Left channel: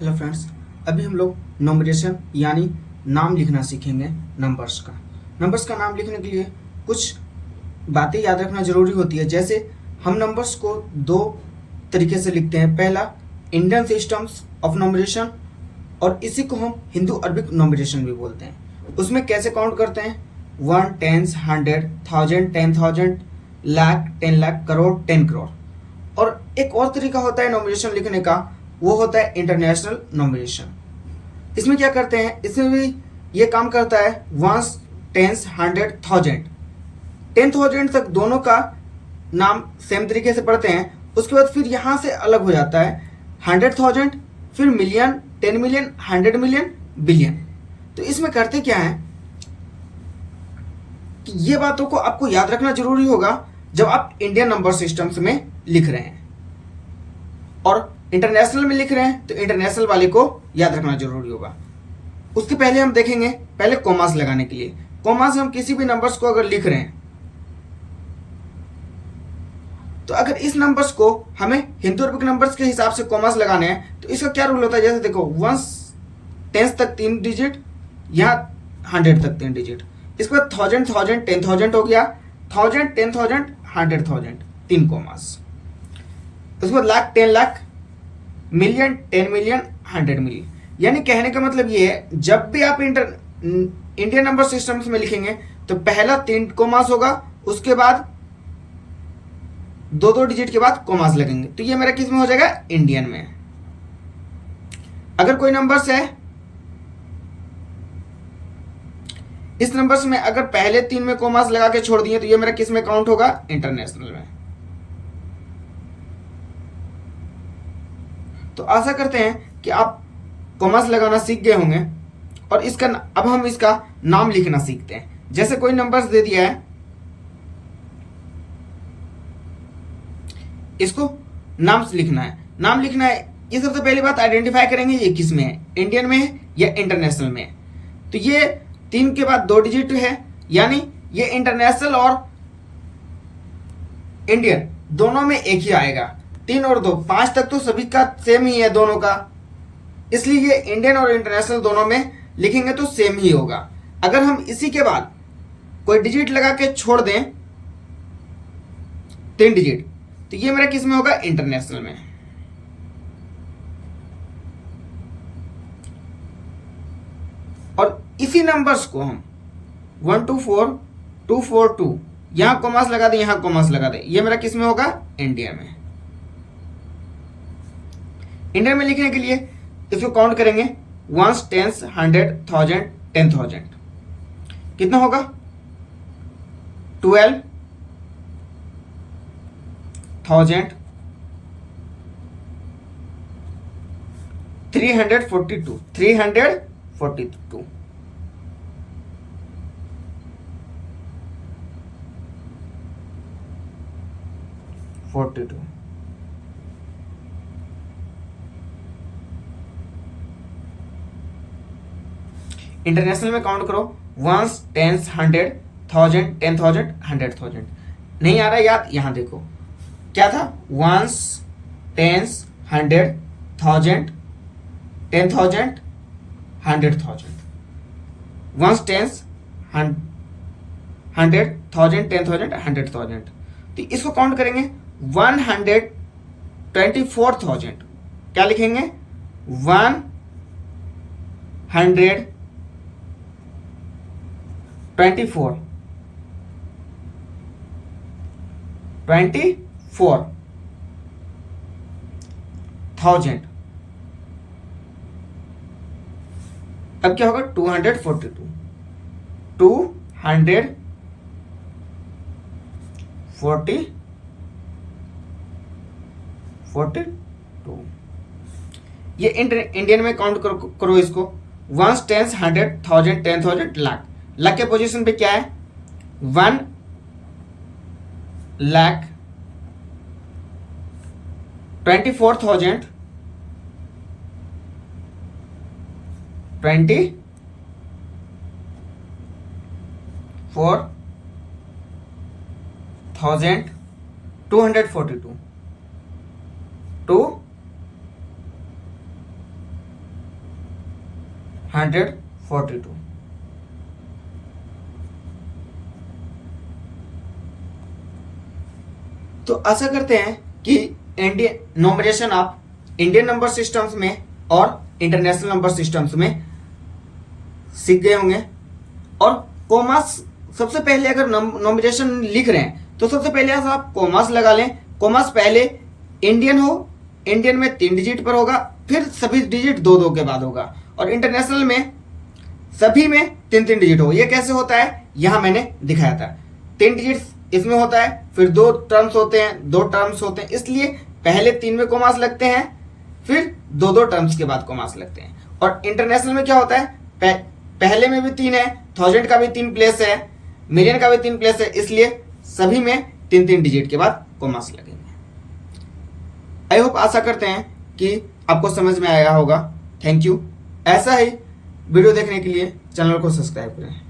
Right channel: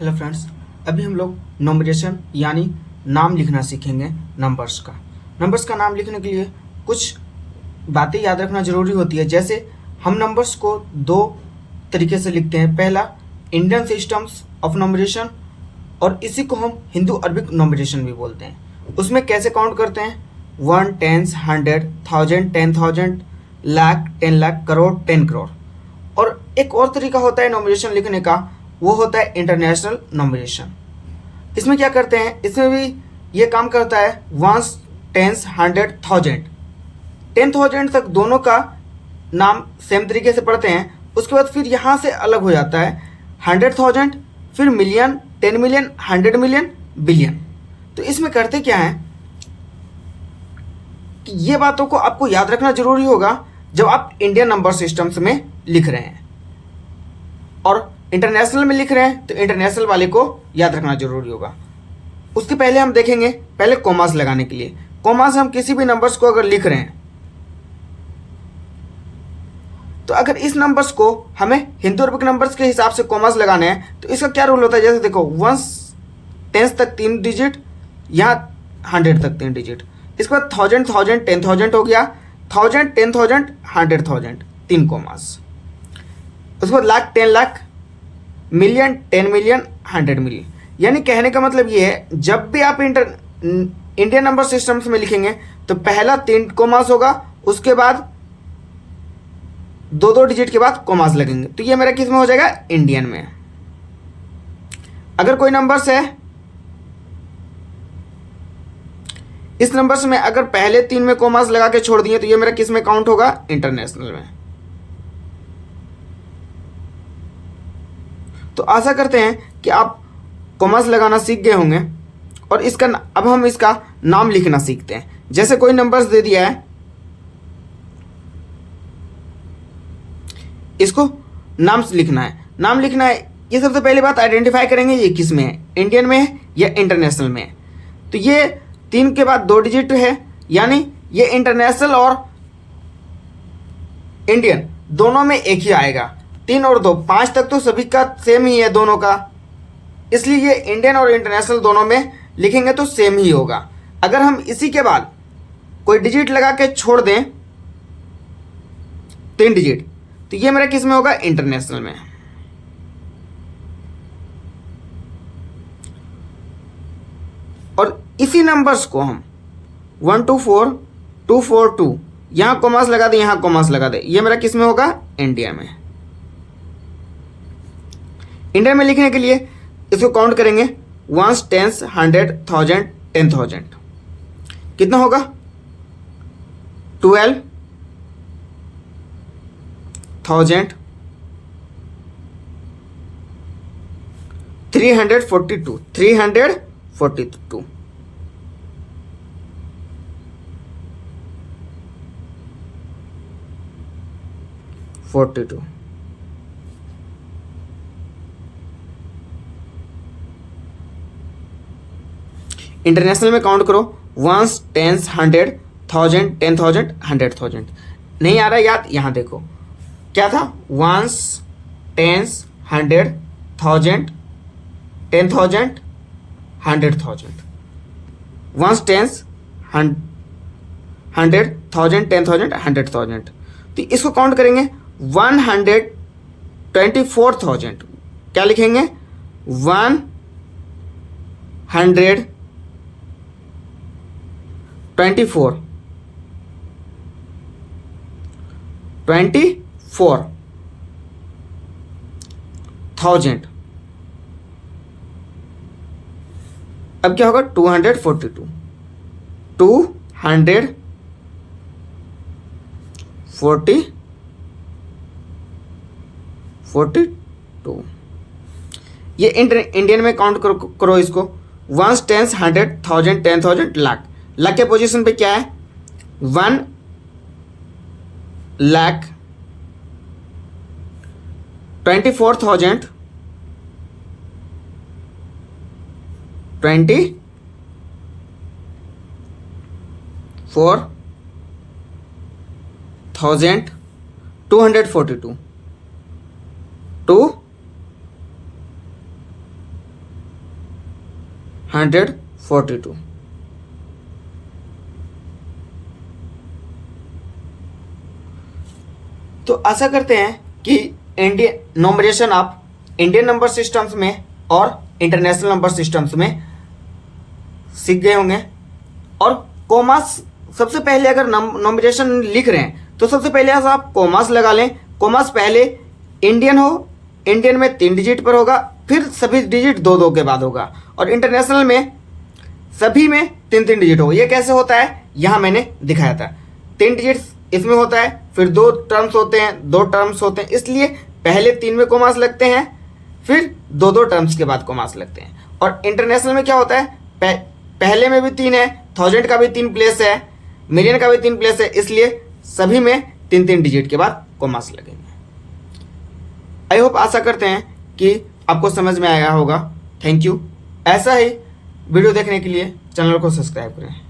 Hello friends, अभी हम लोग नंबरेशन यानी नाम लिखना सीखेंगे। नंबर्स का नाम लिखने के लिए कुछ बातें याद रखना जरूरी होती है। जैसे हम नंबर्स को दो तरीके से लिखते हैं। पहला, इंडियन सिस्टम्स ऑफ नंबरेशन, और इसी को हम हिंदू अरबिक नंबरेशन भी बोलते हैं। उसमें कैसे काउंट करते हैं? 1, 10, 100, 1000, 10,000, लाख, 10 लाख, करोड़, 10 करोड़। और एक और तरीका होता है नंबरेशन लिखने का, वो होता है इंटरनेशनल नंबरेशन। इसमें क्या करते हैं? इसमें भी ये काम करता है। 1, 10, 100, 1000, 10,000 तक दोनों का नाम सेम तरीके से पढ़ते हैं। उसके बाद फिर यहां से अलग हो जाता है 100,000, फिर मिलियन, 10 मिलियन, 100 मिलियन, बिलियन। तो इसमें करते क्या है कि ये बातों को आपको याद रखना जरूरी होगा जब आप इंडियन नंबर सिस्टम्स में लिख रहे हैं, और इंटरनेशनल में लिख रहे हैं तो इंटरनेशनल वाले को याद रखना जरूरी होगा। उसके पहले हम देखेंगे पहले कॉमास लगाने के लिए। कॉमास हम किसी भी नंबर्स को अगर लिख रहे हैं तो अगर इस नंबर्स को हमें हिंदू अरबिक नंबर्स के हिसाब से कॉमास लगाने हैं तो इसका क्या रूल होता है? जैसे देखो 1 10 तक 3 डिजिट, यहाँ 100 तक 3 डिजिट। इसके बाद 1000, 1000, 10,000 हो गया, 1000, 10,000, 100,000, 3 कॉमास। उसके बाद lakh, 10 lakh, million, 10 million, 100 million. यानी कहने का मतलब ये है, जब भी आप इंडियन नंबर सिस्टम्स में लिखेंगे तो पहला 3 कॉमास होगा, उसके बाद 2-2 डिजिट के बाद कॉमास लगेंगे। तो ये मेरा किस में हो जाएगा? इंडियन में। अगर कोई नंबर्स है, इस नंबर्स में अगर पहले 3 में कॉमास लगा के छोड़ दिए तो ये मेरा किस में काउंट होगा? इंटरनेशनल में। तो आशा करते हैं कि आप कॉमास लगाना सीख गए होंगे, और इसका अब हम इसका नाम लिखना सीखते हैं। जैसे कोई नंबर्स दे दिया है, इसको नाम लिखना है। नाम लिखना है, ये सबसे पहली बात आइडेंटिफाई करेंगे ये किस में है, इंडियन में है या इंटरनेशनल में है। तो ये 3 के बाद 2 डिजिट है, यानी ये इंटरनेशनल और इंडियन दोनों में एक ही आएगा। 3 और 2, 5 तक तो सभी का सेम ही है दोनों का, इसलिए ये इंडियन और इंटरनेशनल दोनों में लिखेंगे तो सेम ही होगा। अगर हम इसी के बाद कोई डिजिट लगा के छोड़ दें 3 डिजिट, तो ये मेरा किस में होगा? इंटरनेशनल में। और इसी नंबर्स को हम 124, 242 यहां कॉमास लगा दे, यहां कॉमास लगा दे, ये मेरा किस में होगा? इंडिया में। इंडिया में लिखने के लिए इसको काउंट करेंगे 1, 10, 100, 1000, 10,000। कितना होगा? 12,000, 342, 342, 42। इंटरनेशनल में काउंट करो 1, 10, 100, 1000, 10,000, 100,000। नहीं आ रहा याद? यहां देखो क्या था? 1, 10, 100, 1000, 10,000, 100,000। 1, 10, 100, 1000, 10,000, 100,000। तो इसको काउंट करेंगे 124,000। क्या लिखेंगे? 124, 24,000। अब क्या होगा? 242, 242। ये इंडियन में काउंट करो इसको 1, 10, 100, 1000, 10,000, लाख। लाख के पोजीशन पे क्या है? 1 लाख 24,000, 24,242, 142। तो आशा करते हैं कि इंडियन नंबरेशन आप इंडियन नंबर सिस्टम्स में और इंटरनेशनल नंबर सिस्टम्स में सीख गए होंगे। और कॉमास, सबसे पहले अगर नंबरेशन लिख रहे हैं तो सबसे पहले ऐसा आप कॉमास लगा लें। कॉमास पहले इंडियन हो, इंडियन में 3 डिजिट पर होगा, फिर सभी डिजिट 2-2 के बाद होगा, और इंटरनेशनल में सभी में 3-3 डिजिट होगा। ये कैसे होता है यहां मैंने दिखाया था। 3 डिजिट इसमें होता है, फिर 2 टर्म्स होते हैं, 2 टर्म्स होते हैं, इसलिए पहले 3 में कॉमास लगते हैं, फिर 2-2 टर्म्स के बाद कॉमास लगते हैं। और इंटरनेशनल में क्या होता है, पहले में भी 3 है, 1000 का भी 3 प्लेस है, मिलियन का भी 3 प्लेस है, इसलिए सभी में 3-3 डिजिट के बाद कॉमास लगेंगे। आई होप, आशा करते हैं कि आपको समझ में आया होगा। Thank you. ऐसा ही वीडियो देखने के लिए चैनल को सब्सक्राइब करें।